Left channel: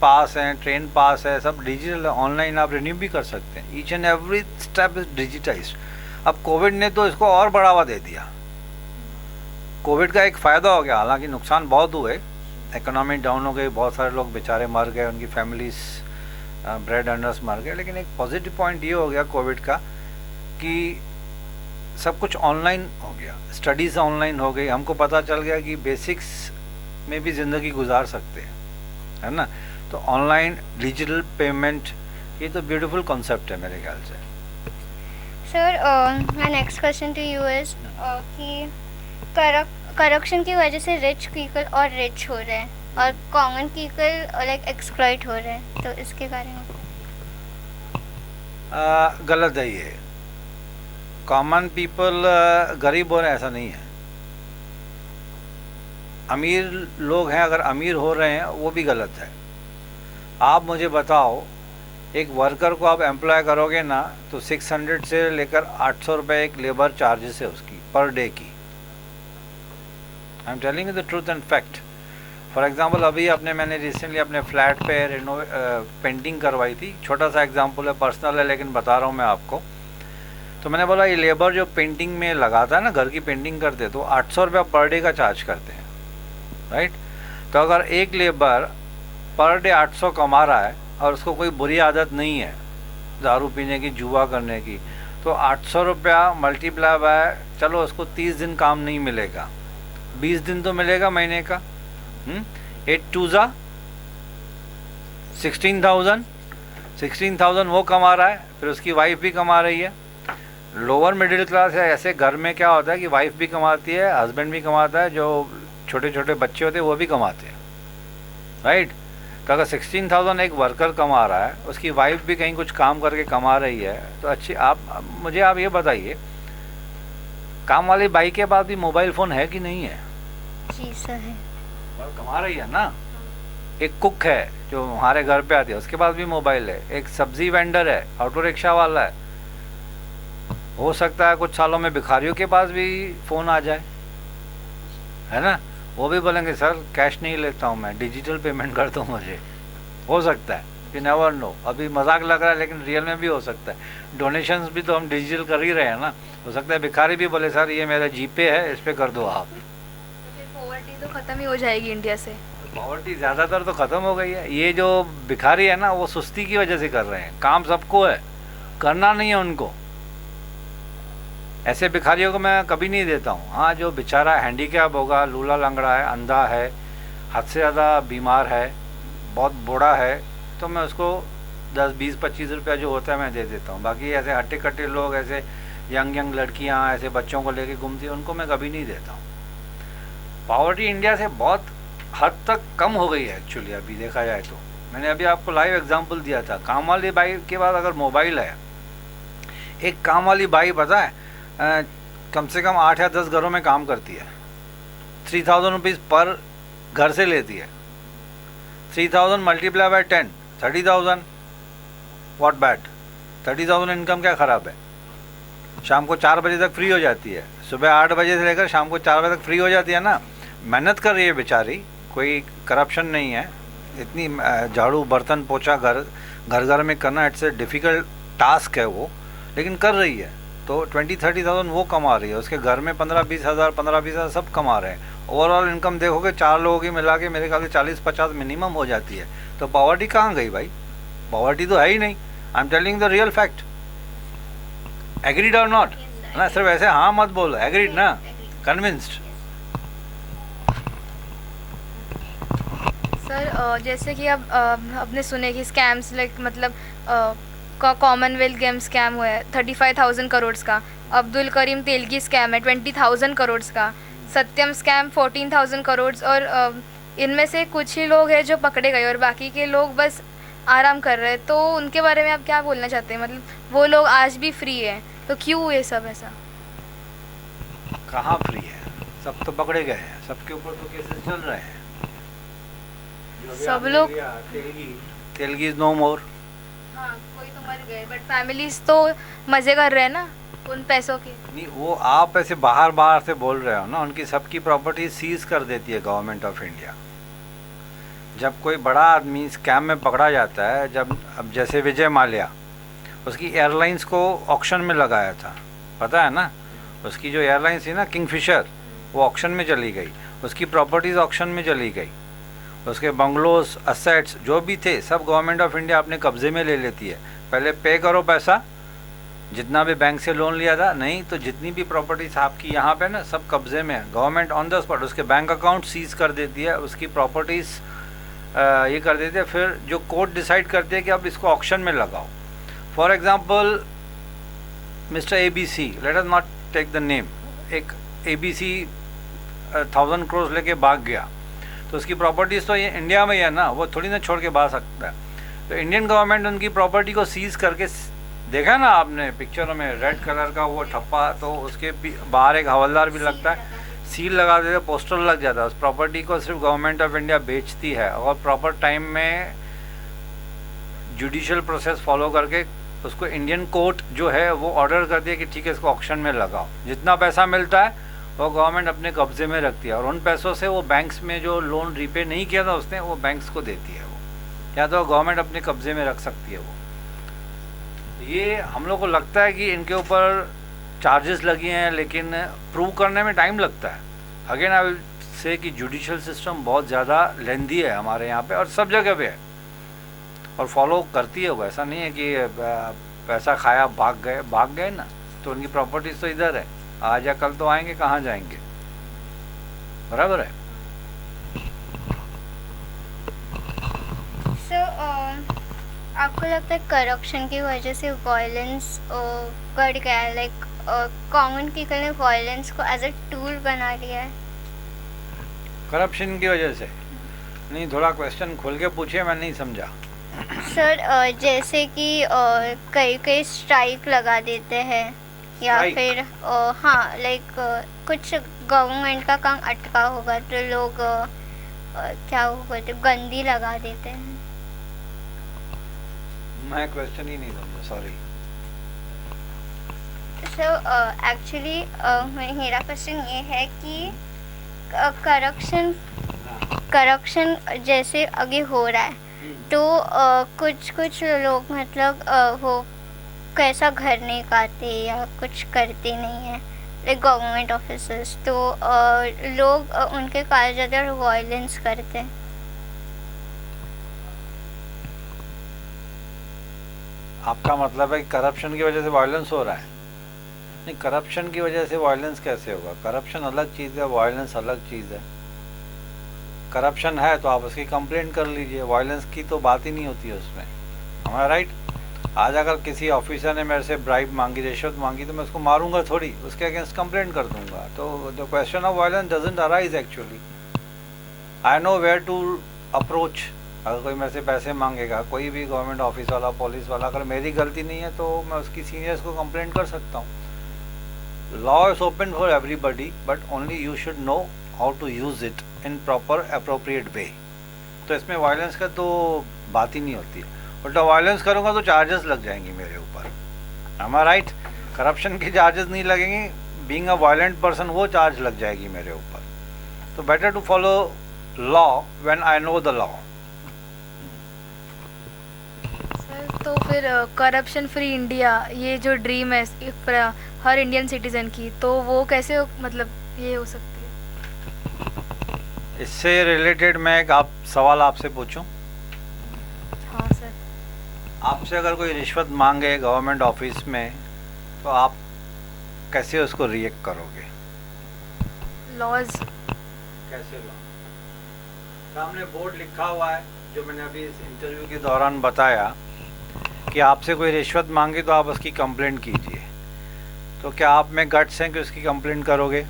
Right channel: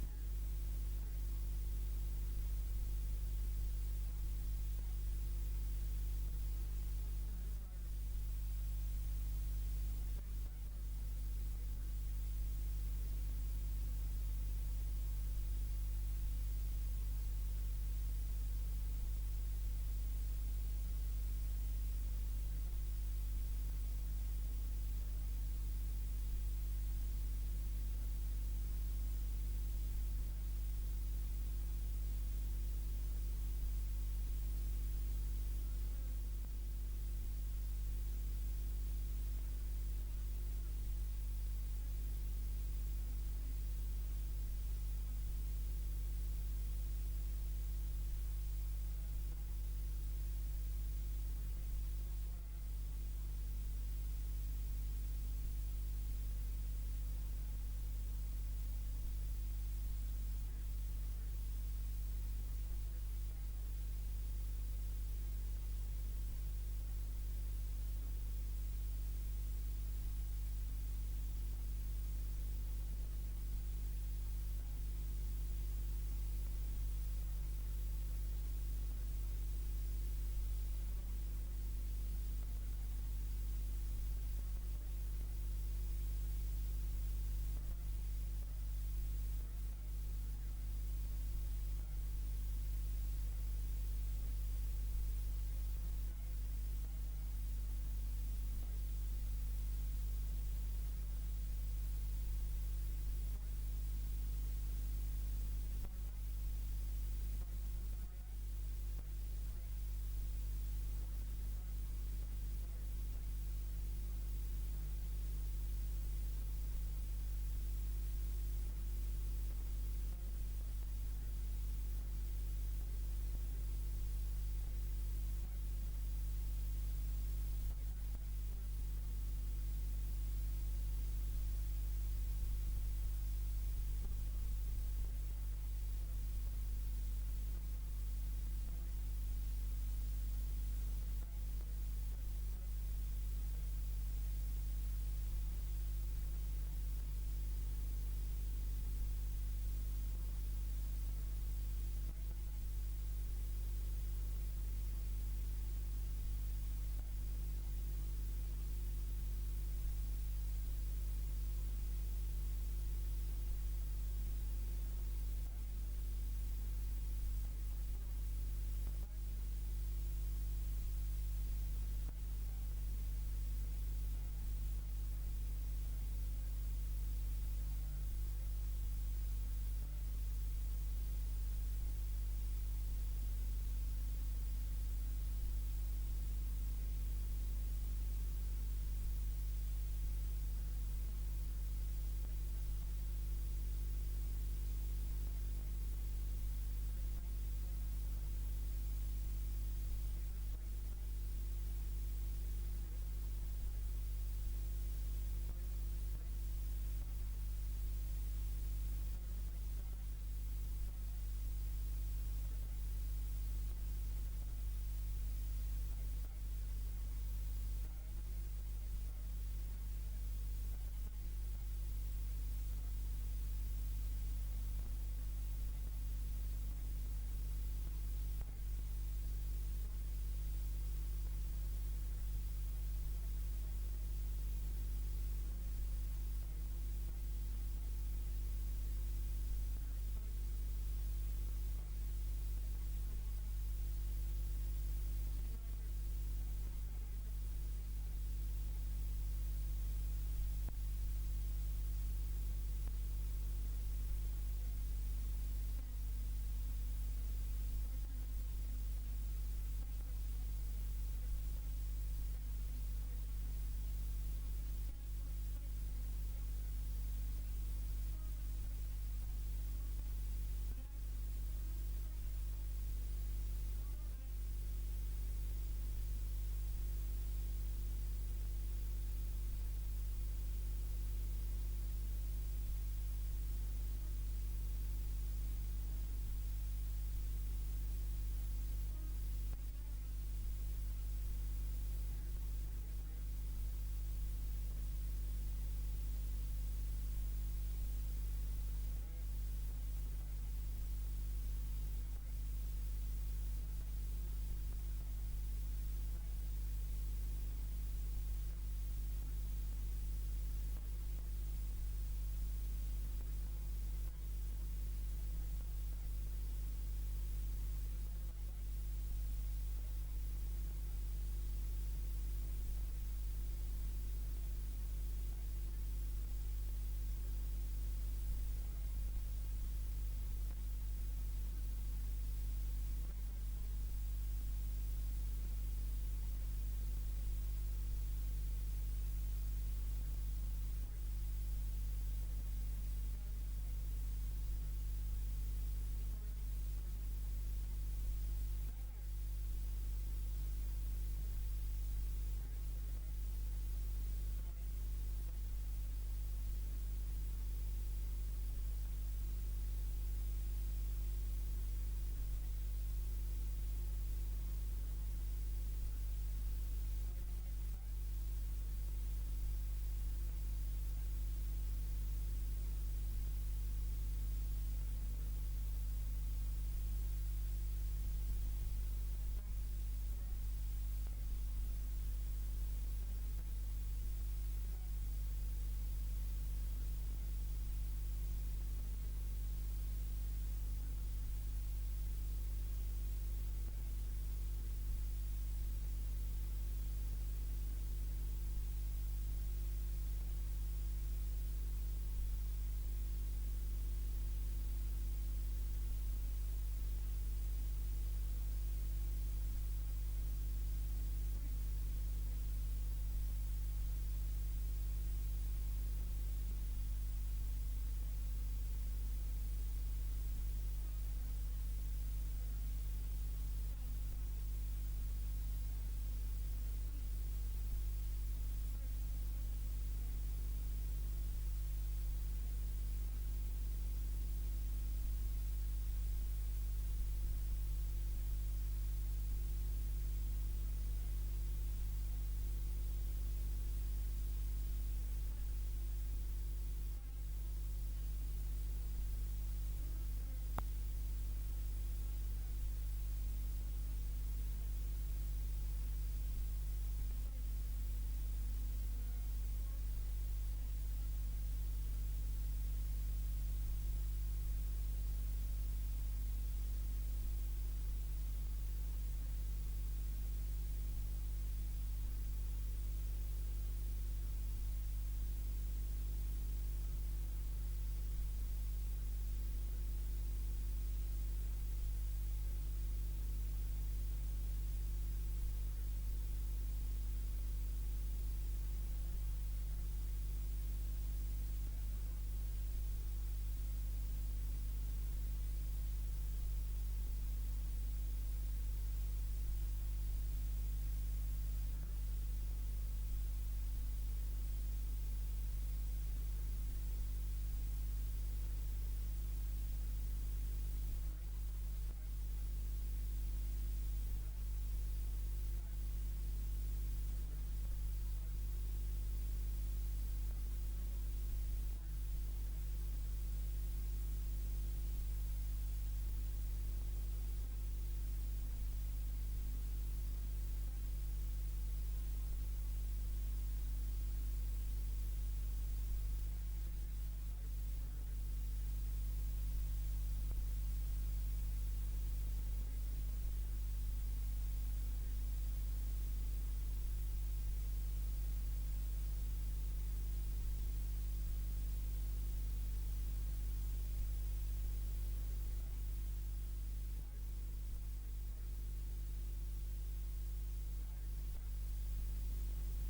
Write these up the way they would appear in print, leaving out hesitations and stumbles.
पास हैं, ट्रेन पास है, सब डिजिटल ऑनलाइन आप रिन्यू भी कर सकते हैं। Each and every step is digitised. अब कोविड ने तो इसको और बढ़ावा दे दिया। कोविड का एक फ़ायदा हो गया, हालांकि नुकसान बहुत हुए, इकोनॉमी डाउन हो गई, बहुत सारे लोग बेचारे मर गए, उनकी फैमिलीज ब्रेड अर्नर्स मर गए। लेकिन एक पॉजिटिव पॉइंट ये हो गया कोविड का कि सब कुछ ऑनलाइन हो गया, स्टडीज़ ऑनलाइन हो गई, हमको पता चल गया कि बेसिक्स में भी ज़िंदगी गुजार सकते हैं, है ना। तो ऑनलाइन डिजिटल पेमेंट ये तो ब्यूटीफुल कॉन्सेप्ट है मेरे ख्याल से। Sir my next question to you is कि करप्शन की वजह से रिच पीपल और रिच हो रहे हैं और कॉमन पीपल लाइक एक्सप्लॉइट हो रहे हैं, तो इसके बारे में गलत है ये। कॉमन पीपल गरीब हो रहे हैं ऐसा नहीं है। अमीर लोग हैं, अगर अमीर हो रहे हैं वो भी गलत है। आप मुझे बताओ, एक वर्कर को आप एम्प्लॉय करोगे ना तो 600 से लेकर 800 रुपये एक लेबर चार्जेस है उसकी पर डे की। I am telling you the truth and fact. For example अभी मैंने रिसेंटली अपने फ्लैट पे पेंटिंग करवाई थी। छोटा सा एग्जांपल है, पर्सनल है, लेकिन बता रहा हूँ मैं आपको। तो मैंने बोला ये लेबर जो पेंटिंग में लगाता है ना, घर की पेंटिंग करते, तो 800 रुपया पर डे का चार्ज करते हैं, राइट। तो अगर एक लेबर पर डे 800 कमा रहा है और उसको कोई बुरी आदत नहीं है दारू पीने की, जुआ करने की, तो 800 रुपया मल्टीप्लाई बाय, चलो उसको 30 दिन काम नहीं मिलेगा, 20 दिन तो मिलेगा महीने का। 8 2 जा 16,000, 16,000 वो कमा रहा है, फिर उसकी वाइफ भी कमा रही है। लोअर मिडिल क्लास है, ऐसे घर में क्या होता है कि वाइफ भी कमाती है, हस्बैंड भी कमाता है, जो छोटे छोटे बच्चे होते हैं वो भी कमाते हैं, राइट। तो अगर 16,000 एक वर्कर कमा रहा है, उसकी वाइफ भी कहीं कुछ काम करके कमा रही है, तो अच्छी मुझे आप ये बताइए, काम वाली बाई के पास भी मोबाइल फ़ोन है कि नहीं है? जी सर है। कमा रही है ना। एक कुक है जो हमारे घर पे आती है, उसके पास भी मोबाइल है। एक सब्जी वेंडर है, ऑटो रिक्शा वाला है, हो सकता है कुछ सालों में भिखारियों के पास भी फ़ोन आ जाए, है ना। वो भी बोलेंगे सर कैश नहीं लेता हूँ मैं, डिजिटल पेमेंट कर दो मुझे। हो सकता है, यू नेवर नो। अभी मजाक लग रहा है लेकिन रियल में भी हो सकता है। डोनेशंस भी तो हम डिजिटल कर ही रहे हैं ना। हो सकता है भिखारी भी बोले सर ये मेरा जीपे है, इस पर कर दो आप। पॉवर्टी तो ख़त्म ही हो जाएगी इंडिया से। पॉवर्टी ज़्यादातर तो ख़त्म हो गई है। ये जो भिखारी है ना वो सुस्ती की वजह से कर रहे हैं, काम सबको है, करना नहीं है उनको। ऐसे भिखारियों को मैं कभी नहीं देता हूँ। हाँ, जो बेचारा हैंडीकैप होगा, लूला लंगड़ा है, अंधा है, हद से ज़्यादा बीमार है, बहुत बूढ़ा है, तो मैं उसको 10 20 25 रुपया जो होता है मैं दे देता हूँ। बाकी ऐसे हट्टे कट्टे लोग, ऐसे यंग लड़कियाँ ऐसे बच्चों को लेके घूमती हैं, उनको मैं कभी नहीं देता हूँ। पॉवर्टी इंडिया से बहुत हद तक कम हो गई है एक्चुअली, अभी देखा जाए तो। मैंने अभी आपको लाइव एग्जांपल दिया था। काम वाली बाई के बाद अगर मोबाइल है, एक काम वाली बाई पता है कम से कम 8 या 10 घरों में काम करती है। 3,000 रुपीज़ पर घर से लेती है। 3,000 multiply by 10, 30,000। What bad? 30,000 income क्या ख़राब है? शाम को 4 बजे तक फ्री हो जाती है, सुबह 8 बजे से लेकर शाम को 4 बजे तक फ्री हो जाती है ना। मेहनत कर रही है बेचारी, कोई करप्शन नहीं है। इतनी झाड़ू बर्तन पोछा घर घर में करना, इट्स ए डिफ़िकल्ट टास्क है वो, लेकिन कर रही है। तो 20-30,000 वो कमा रही है, उसके घर में 15-20 हज़ार, 15-20 हज़ार सब कमा रहे हैं। ओवरऑल इनकम देखोगे 4 लोगों की मिला के मेरे ख्याल से 40-50 मिनिमम हो जाती है। तो पॉवर्टी कहाँ गई भाई? पॉवर्टी तो है ही नहीं। I am telling the real fact. Agreed और नॉट? ना सिर्फ ऐसे हाँ मत बोलो, एग्रीड ना, कन्विंस्ड। सर जैसे कि अब आपने सुने कि स्कैम्स लाइक मतलब कॉमनवेल्थ गेम स्कैम हुआ है 35,000 करोड़ का, अब्दुल करीम तेलगी स्कैम है 20,000 करोड़ का, सत्यम स्कैम 14,000 करोड़, और इनमें से कुछ ही लोग हैं जो पकड़े गए और बाकी के लोग बस आराम कर रहे हैं। तो उनके बारे में आप क्या बोलना चाहते हैं? मतलब वो लोग आज भी फ्री है, तो क्यों ये सब ऐसा? कहाँ फ्री है? सब तो पकड़े गए हैं, सबके ऊपर तो केसेस चल रहे हैं। सब लोग तेलगी इज नो मोर। हाँ, कोई तो मर गए बट फैमिलीज तो मजे कर रहे हैं ना उन पैसों के। नहीं, वो आप ऐसे बाहर से बोल रहे हो ना, उनकी सबकी प्रॉपर्टी सीज कर देती है गवर्नमेंट ऑफ इंडिया। जब कोई बड़ा आदमी स्कैम में पकड़ा जाता है, जब अब जैसे विजय माल्या, उसकी एयरलाइंस को ऑक्शन में लगाया था, पता है ना, उसकी जो एयरलाइंस थी ना किंगफिशर, वो ऑक्शन में चली गई, उसकी प्रॉपर्टीज़ ऑक्शन में चली गई, उसके बंगलोज असेट्स जो भी थे सब गवर्नमेंट ऑफ इंडिया अपने कब्ज़े में ले लेती है। पहले पे करो पैसा, जितना भी बैंक से लोन लिया था, नहीं तो जितनी भी प्रॉपर्टीज आपकी यहाँ पे ना सब कब्जे में है, गवर्नमेंट ऑन द स्पॉट उसके बैंक अकाउंट सीज कर देती है, उसकी प्रॉपर्टीज ये कर देती है। फिर जो कोर्ट डिसाइड करती है कि अब इसको ऑक्शन में लगाओ। For example mister ABC, let us not take the name, एक ABC 1000 करोड़ लेके भाग गया, तो उसकी प्रॉपर्टीज़ तो ये इंडिया में ही है ना, वो थोड़ी ना छोड़ के भाग सकता है। तो इंडियन गवर्नमेंट उनकी प्रॉपर्टी को सीज करके, देखा ना आपने पिक्चरों में रेड कलर का वो ठप्पा, तो उसके बाहर एक हवलदार भी लगता है, सील लगा देते, पोस्टर लग जाता है। उस प्रॉपर्टी को सिर्फ गवर्नमेंट ऑफ इंडिया बेचती है और प्रॉपर टाइम में जुडिशियल प्रोसेस फॉलो करके उसको इंडियन कोर्ट जो है वो ऑर्डर कर दिया कि ठीक है इसको ऑक्शन में लगाओ। जितना पैसा मिलता है वो गवर्नमेंट अपने कब्जे में रखती है और उन पैसों से वो बैंक्स में जो लोन रीपे नहीं किया था उसने, वो बैंक्स को देती है, वो या तो गवर्नमेंट अपने कब्जे में रख सकती है वो। ये हम लोग को लगता है कि इनके ऊपर चार्जेस लगी हैं, लेकिन प्रूव करने में टाइम लगता है। अगेन आई विल से कि जुडिशियल सिस्टम बहुत ज़्यादा लेंदी है हमारे यहाँ पे और सब जगह पे है और फॉलो करती है वो। ऐसा नहीं है कि पैसा खाया भाग गए ना, तो उनकी प्रॉपर्टीज तो इधर है, आज या कल तो आएंगे, कहाँ जाएंगे, बराबर है। आपको लगता है करप्शन की वजह से वायलेंस बढ़ गया है, लाइक कॉमन पीपल ने वायलेंस को एज अ टूल बना लिया है? करप्शन की वजह से नहीं, थोड़ा क्वेश्चन खोल के पूछिए, मैं नहीं समझा। सर जैसे कि कई स्ट्राइक लगा देते हैं या Strike? फिर हाँ लाइक कुछ गवर्नमेंट का काम अटका होगा तो लोग क्या वो बोलते गंदी लगा देते हैं। मैं क्वेश्चन ही नहीं समझा, सॉरी। सो एक्चुअली मेरा क्वेश्चन ये है कि करप्शन जैसे आगे हो रहा है तो कुछ लोग मतलब वो कैसा घर नहीं खाते या कुछ करते नहीं है, लाइक गवर्नमेंट ऑफिसर्स, तो लोग उनके कारण ज़्यादा वायलेंस करते हैं। आपका मतलब है कि करप्शन की वजह से वायलेंस हो रहा है? नहीं, करप्शन की वजह से वायलेंस कैसे होगा? करप्शन अलग चीज़ है, वायलेंस अलग चीज़ है। करप्शन है तो आप उसकी कंप्लेंट कर लीजिए, वायलेंस की तो बात ही नहीं होती है उसमें, हमारा राइट। आज अगर किसी ऑफिसर ने मेरे से ब्राइब मांगी, रिश्वत मांगी, तो मैं उसको मारूंगा थोड़ी, उसके अगेंस्ट कंप्लेंट कर दूंगा। तो the question of violence doesn't arise actually. I know where to approach. अगर कोई मेरे से पैसे मांगेगा, कोई भी गवर्नमेंट ऑफिस वाला, पुलिस वाला, अगर मेरी गलती नहीं है तो मैं उसकी सीनियर्स को कंप्लेंट कर सकता हूँ। Law is open for everybody, but only you should know how to use it in proper appropriate way. तो इसमें वायलेंस का तो बात ही नहीं होती है। उल्टा वायलेंस करूँगा तो चार्जेस लग जाएंगी मेरे ऊपर, एम आई राइट? करप्शन की चार्जेस नहीं लगेंगी, बीइंग अ वायलेंट पर्सन वो चार्ज लग जाएगी मेरे ऊपर। तो better to follow law when I know the law. तो फिर करप्शन फ्री इंडिया ये जो ड्रीम है हर इंडियन सिटीजन की, तो वो कैसे मतलब ये हो सकती है? इससे रिलेटेड मैं एक सवाल आपसे पूछूं? हाँ सर। आपसे अगर कोई रिश्वत मांगे गवर्नमेंट ऑफिस में तो आप कैसे उसको रिएक्ट करोगे? लॉज कैसे लॉ? सामने बोर्ड लिखा हुआ है, जो मैंने अभी इस इंटरव्यू के दौरान बताया कि आपसे कोई रिश्वत मांगे तो आप उसकी कंप्लेंट कीजिए। तो क्या आप में गट्स हैं कि उसकी कंप्लेंट करोगे?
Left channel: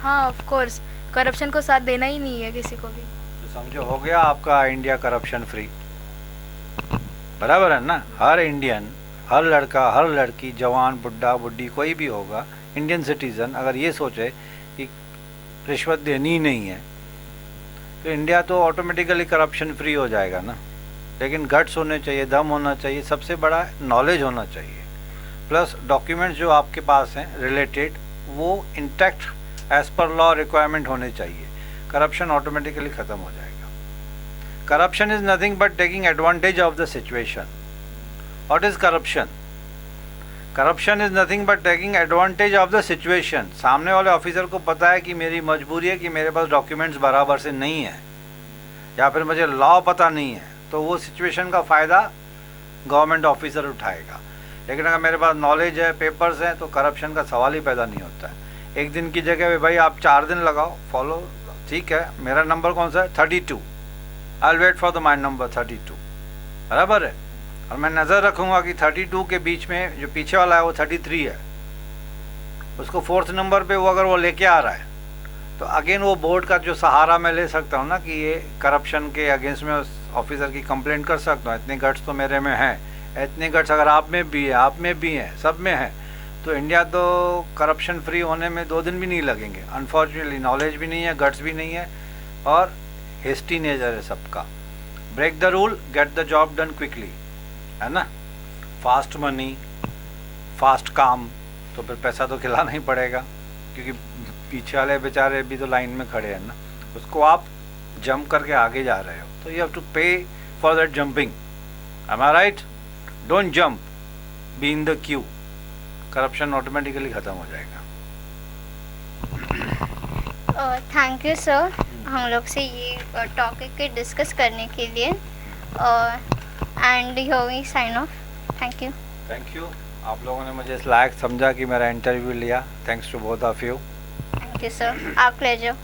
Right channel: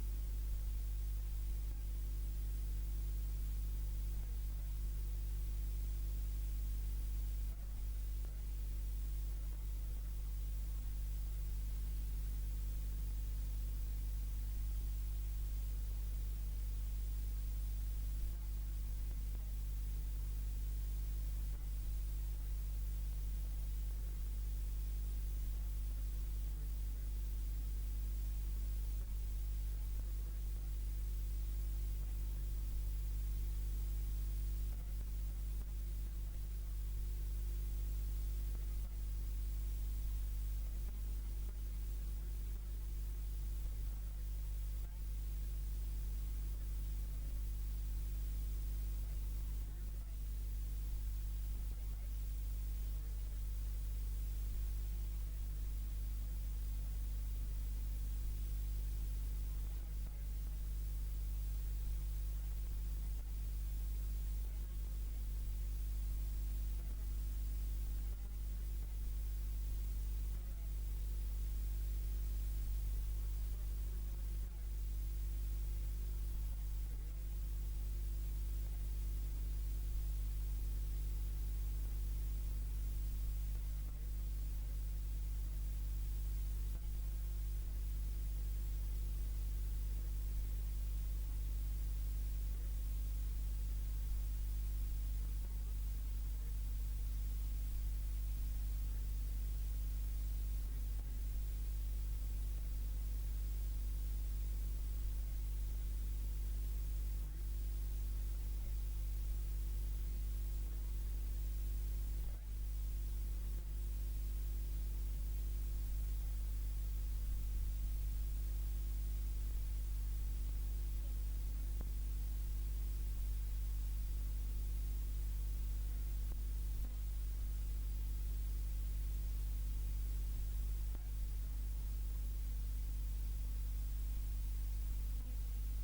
हाँ ऑफ कोर्स, करप्शन को साथ देना ही नहीं है किसी को भी। तो समझो हो गया आपका इंडिया करप्शन फ्री, बराबर है ना? हर इंडियन, हर लड़का, हर लड़की, जवान, बुढ़ा, बुढ़ी, कोई भी होगा इंडियन सिटीज़न, अगर ये सोचे कि रिश्वत देनी ही नहीं है तो इंडिया तो ऑटोमेटिकली करप्शन फ्री हो जाएगा ना। लेकिन गट्स होने चाहिए, दम होना चाहिए, सबसे बड़ा नॉलेज होना चाहिए, प्लस डॉक्यूमेंट्स जो आपके पास हैं रिलेटेड वो intact as per law requirement होने चाहिए। करप्शन ऑटोमेटिकली ख़त्म हो जाएगा। Corruption is nothing but taking advantage of the situation. What is corruption? Corruption is nothing but taking advantage of the situation. सामने वाले ऑफिसर को पता है कि मेरी मजबूरी है कि मेरे पास डॉक्यूमेंट्स बराबर से नहीं है या फिर मुझे लॉ पता नहीं है, तो वो सिचुएशन का फ़ायदा गवर्नमेंट ऑफिसर उठाएगा। लेकिन अगर मेरे पास नॉलेज है, पेपर्स हैं, तो करप्शन का सवाल ही पैदा नहीं होता है। एक दिन की जगह पे भाई आप 4 दिन लगाओ, फॉलो, ठीक है, मेरा नंबर कौन सा है 32, I will wait for the my number 32, बराबर है, और मैं नज़र रखूँगा कि 32 के बीच में जो पीछे वाला है वो 33 है, उसको 4th नंबर पे वो अगर वो लेके आ रहा है तो अगेन वो बोर्ड का जो सहारा मैं ले सकता हूँ ना कि ये करप्शन के अगेंस्ट में उस ऑफिसर की कंप्लेंट कर सकता हूँ। इतने गट्स तो मेरे में हैं, इतने गट्स अगर आप में भी है, आप में भी हैं, सब में है, तो इंडिया तो करप्शन फ्री होने में 2 दिन भी नहीं लगेंगे। अनफॉर्चुनेटली नॉलेज भी नहीं है, गट्स भी नहीं है, और हेस्टी नेचर है सबका। Break the rule, get the job done quickly, है ना। फास्ट मनी, फास्ट काम, तो फिर पैसा तो खिलाना ही पड़ेगा, क्योंकि पीछे वाले बेचारे भी तो लाइन में खड़े हैं ना, उसको आप जंप करके आगे जा रहे हो, तो you have to pay for that jumping. Am I right? Don't jump, be in the queue, corruption automatically ख़त्म हो जाएगा। थैंक यू सर, हम लोग से ये टॉपिक पे डिस्कस करने के लिए, and here we sign off. Thank you. Thank you, आप लोगों ने मुझे इस लायक समझा कि मेरा इंटरव्यू लिया। Thanks to both of you. Thank you sir, our pleasure.